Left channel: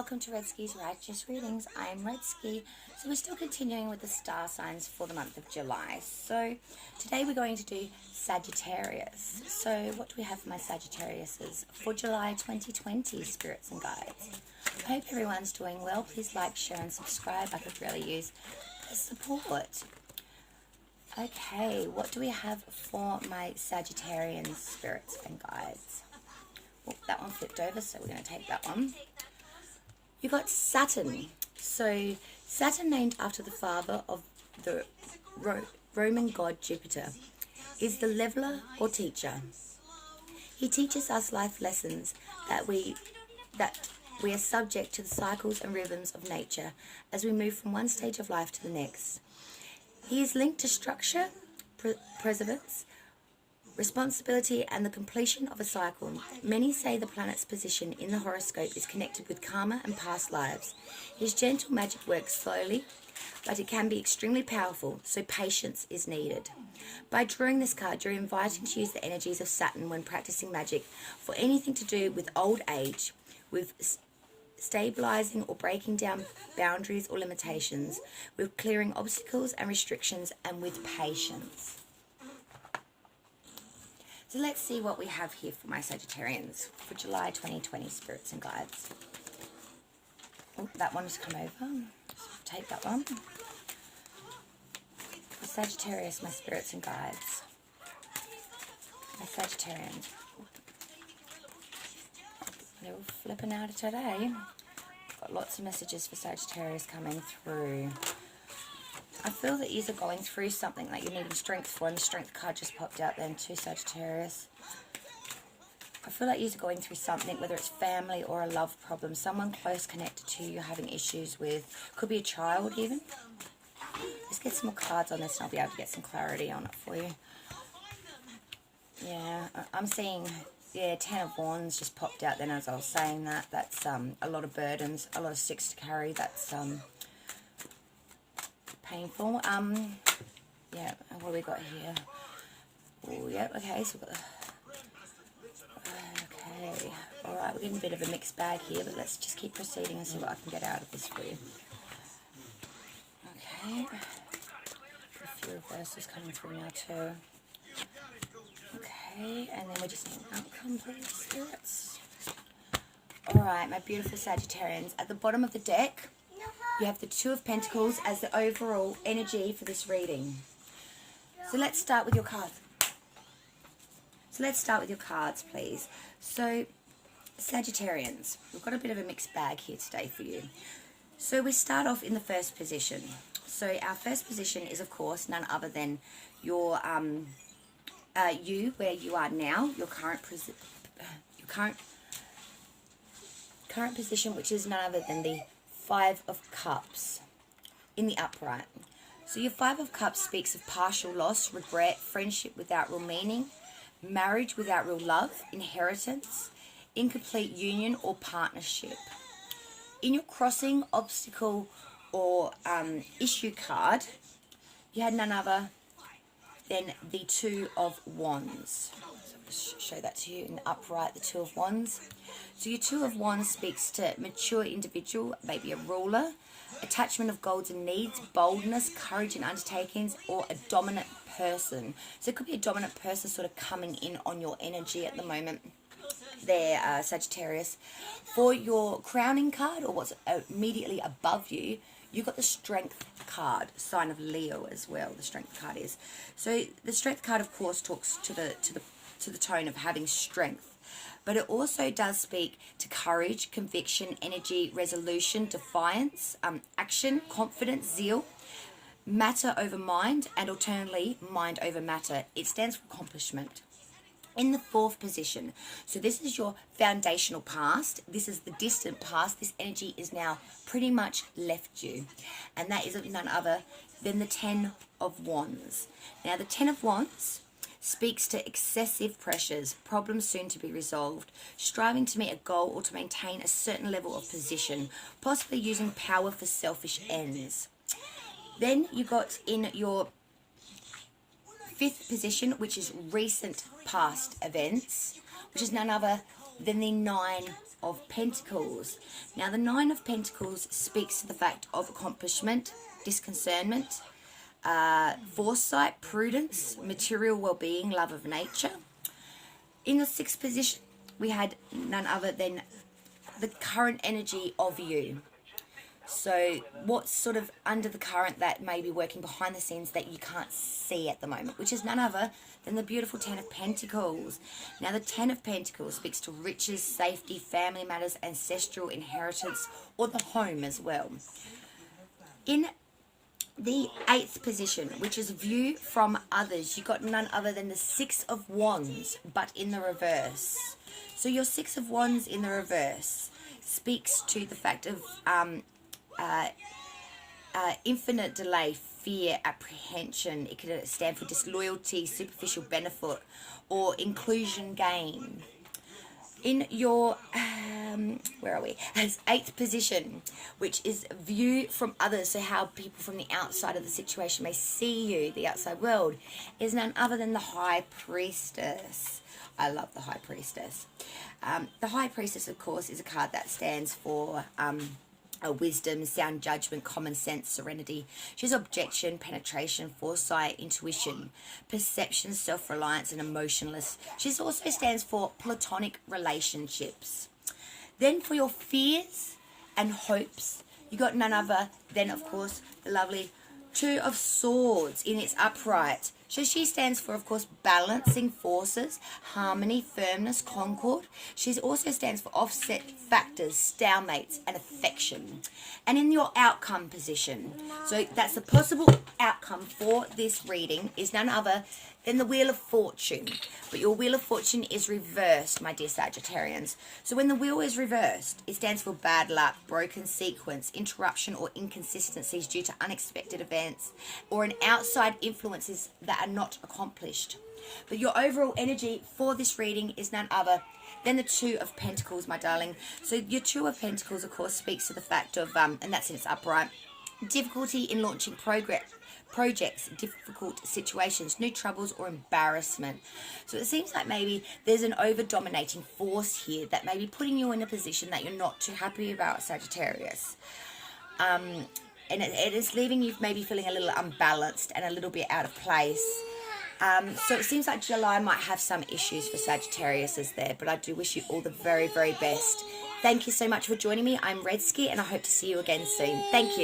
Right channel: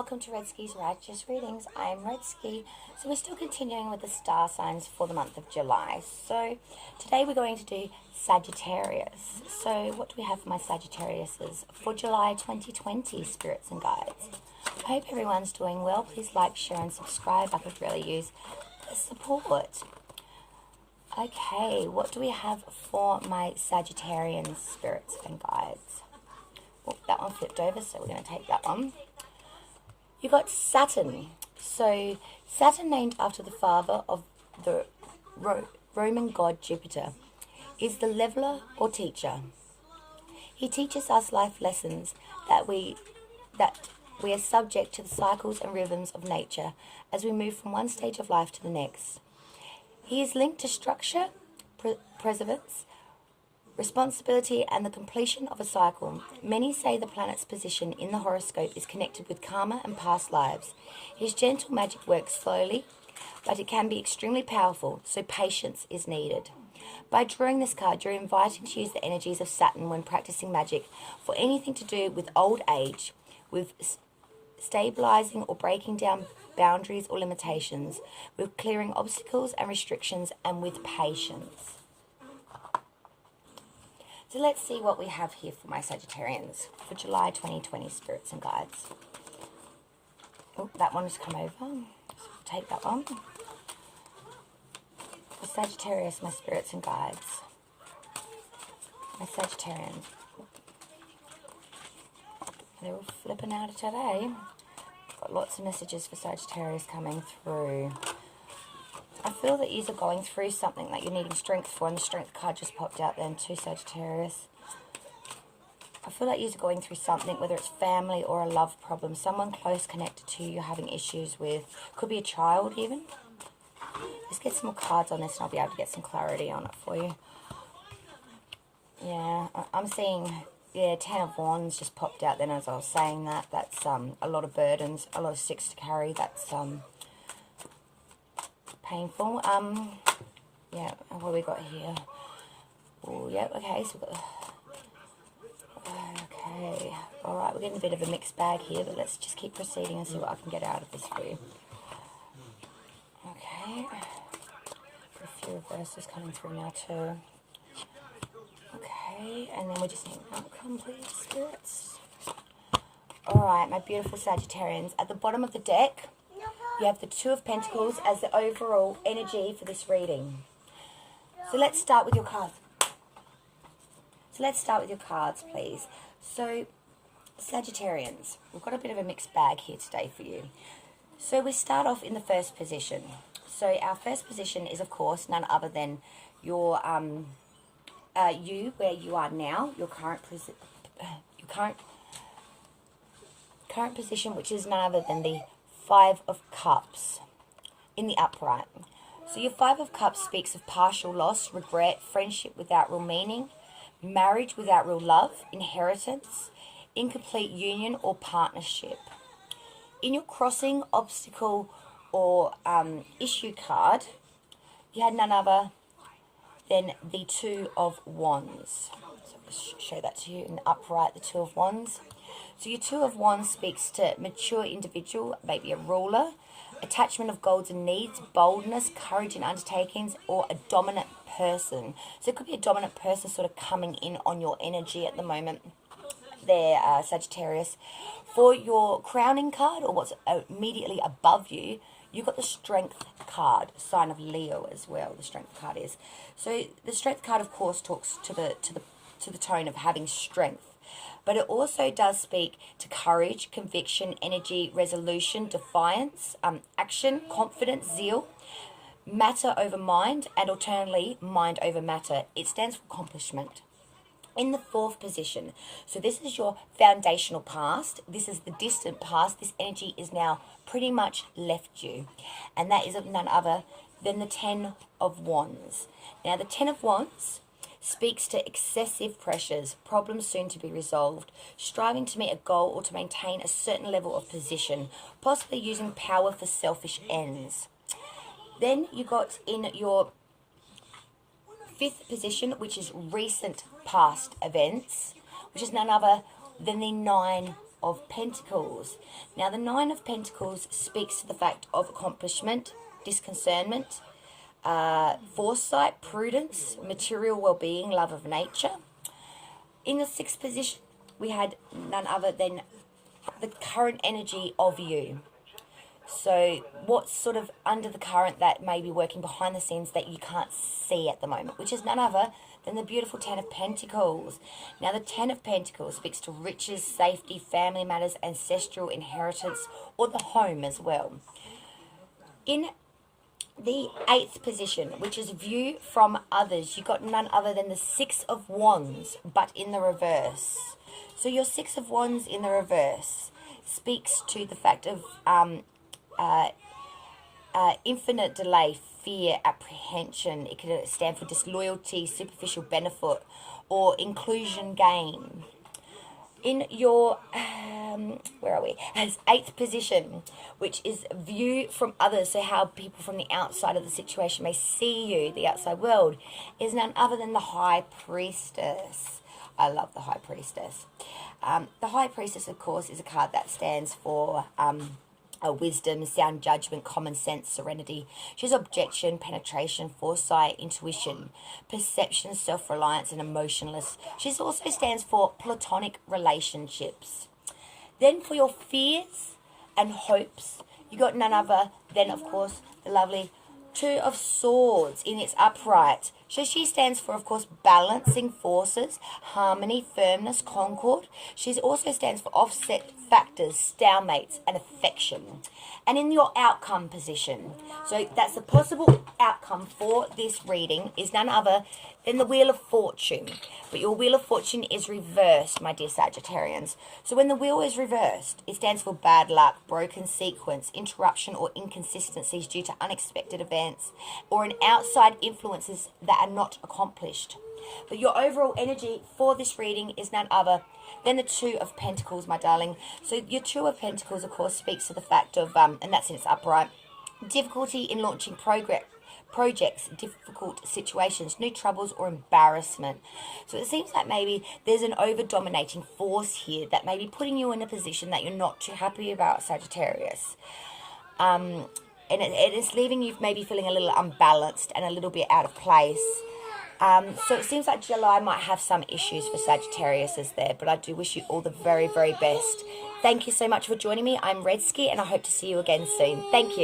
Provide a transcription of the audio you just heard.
welcome to Red Ski's Righteous Readings. I'm Red Ski. So we're still continuing with the star signs for the month of July. So today we're going to do Sagittarius. So what do we have for my Sagittariuses for July 2020, spirits and guides? I hope everyone's doing well. Please like, share and subscribe. I could really use the support. Okay, what do we have for my Sagittarian spirits and guides? Oh, that one flipped over, so we're going to take that one. You got Saturn. So Saturn, named after the father of the Roman god Jupiter, is the leveler or teacher. He teaches us life lessons that we are subject to the cycles and rhythms of nature as we move from one stage of life to the next. He is linked to structure, perseverance, responsibility and the completion of a cycle. Many say the planet's position in the horoscope is connected with karma and past lives. His gentle magic works slowly, but it can be extremely powerful, so patience is needed. By drawing this card, you're invited to use the energies of Saturn when practicing magic for anything to do with old age, with stabilizing or breaking down boundaries or limitations, with clearing obstacles and restrictions, and with patience. So let's see what we have here for my Sagittarians for July 2020, spirits and guides. Oh, that one has come over. So take that one. For Sagittarius, my spirits and guides. My Sagittarians. They're all flipping out today. Got lots of messages for Sagittarius coming through. I feel that you're going through something that you're needing strength for, and the strength card just popped out then too, Sagittarius. I feel like you're going through something, whether it's family or a love problem, someone close connected to you you're having issues with. Could be a child even. Let's get some more cards on this and I'll be able to get some clarity on it for you. Yeah, I'm seeing, yeah, 10 of Wands just popped out then as I was saying that. That's a lot of burdens, a lot of sticks to carry. That's painful. Yeah, what have we got here? Oh, yeah, okay, so we've got, okay, alright, we're getting a bit of a mixed bag here, but let's just keep proceeding and see what I can get out of this for you. Okay, a few reverses coming through now too. Okay, and then we just need an outcome, please, spirits. Alright, my beautiful Sagittarians, at the bottom of the deck, you have the Two of Pentacles as the overall energy for this reading. So let's start with your cards. Please. So, Sagittarians, we've got a bit of a mixed bag here today for you. So we start off in the first position. So our first position is, of course, none other than your you, where you are now, your current position, which is none other than the Five of Cups in the upright. So your Five of Cups speaks of partial loss, regret, friendship without real meaning, marriage without real love, inheritance, incomplete union or partnership. In your crossing, obstacle or issue card, you had none other than the Two of Wands. So I'll just show that to you in the upright, the Two of Wands. So your Two of Wands speaks to mature individual, maybe a ruler, attachment of goals and needs, boldness, courage in undertakings, or a dominant person. So it could be a dominant person sort of coming in on your energy at the moment there, Sagittarius. For your crowning card, or what's immediately above you, you've got the Strength card, sign of Leo as well, the Strength card is. So the Strength card, of course, talks to the tone of having strength. But it also does speak to courage, conviction, energy, resolution, defiance, action, confidence, zeal, matter over mind, and alternately, mind over matter. It stands for accomplishment. In the fourth position, so this is your foundational past. This is the distant past. This energy is now pretty much left you. And that is none other than the Ten of Wands. Now, the Ten of Wands speaks to excessive pressures, problems soon to be resolved, striving to meet a goal or to maintain a certain level of position, possibly using power for selfish ends. Then you got in your fifth position, which is recent past events, which is none other than the Nine of Pentacles. Now, the Nine of Pentacles speaks to the fact of accomplishment, discernment, foresight, prudence, material well-being, love of nature. In the sixth position, we had none other than the current energy of you. So what's sort of under the current that may be working behind the scenes that you can't see at the moment, which is none other than the beautiful Ten of Pentacles. Now, the Ten of Pentacles speaks to riches, safety, family matters, ancestral inheritance, or the home as well. In the eighth position, which is view from others, you got none other than the Six of Wands, but in the reverse. So your Six of Wands in the reverse speaks to the fact of infinite delay, fear, apprehension. It could stand for disloyalty, superficial benefit, or inclusion gain. In your, where are we? As eighth position, which is view from others, so how people from the outside of the situation may see you, the outside world, is none other than the High Priestess. I love the High Priestess. The High Priestess, of course, is a card that stands for wisdom, sound judgment, common sense, serenity. She's objection, penetration, foresight, intuition, perception, self-reliance, and emotionless. She also stands for platonic relationships. Then for your fears and hopes, you got none other than, of course, the lovely Two of Swords in its upright. So she stands for, of course, balancing forces, harmony, firmness, concord. She also stands for offset factors, stalemates, and affection. And in your outcome position, so that's the possible outcome for this reading, is none other than the Wheel of Fortune. But your Wheel of Fortune is reversed, my dear Sagittarians. So when the wheel is reversed, it stands for bad luck, broken sequence, interruption or inconsistencies due to unexpected events, or an outside influences that are not accomplished. But your overall energy for this reading is none other than the Two of Pentacles, my darling. So your Two of Pentacles, of course, speaks to the fact of, and that's in its upright, difficulty in launching projects, difficult situations, new troubles, or embarrassment. So it seems like maybe there's an over-dominating force here that may be putting you in a position that you're not too happy about, Sagittarius. And it is leaving you maybe feeling a little unbalanced and a little bit out of place. So it seems like July might have some issues for Sagittarius there, but I do wish you all the very, very best. Thank you so much for joining me. I'm Redsky, and I hope to see you again soon. Thank you.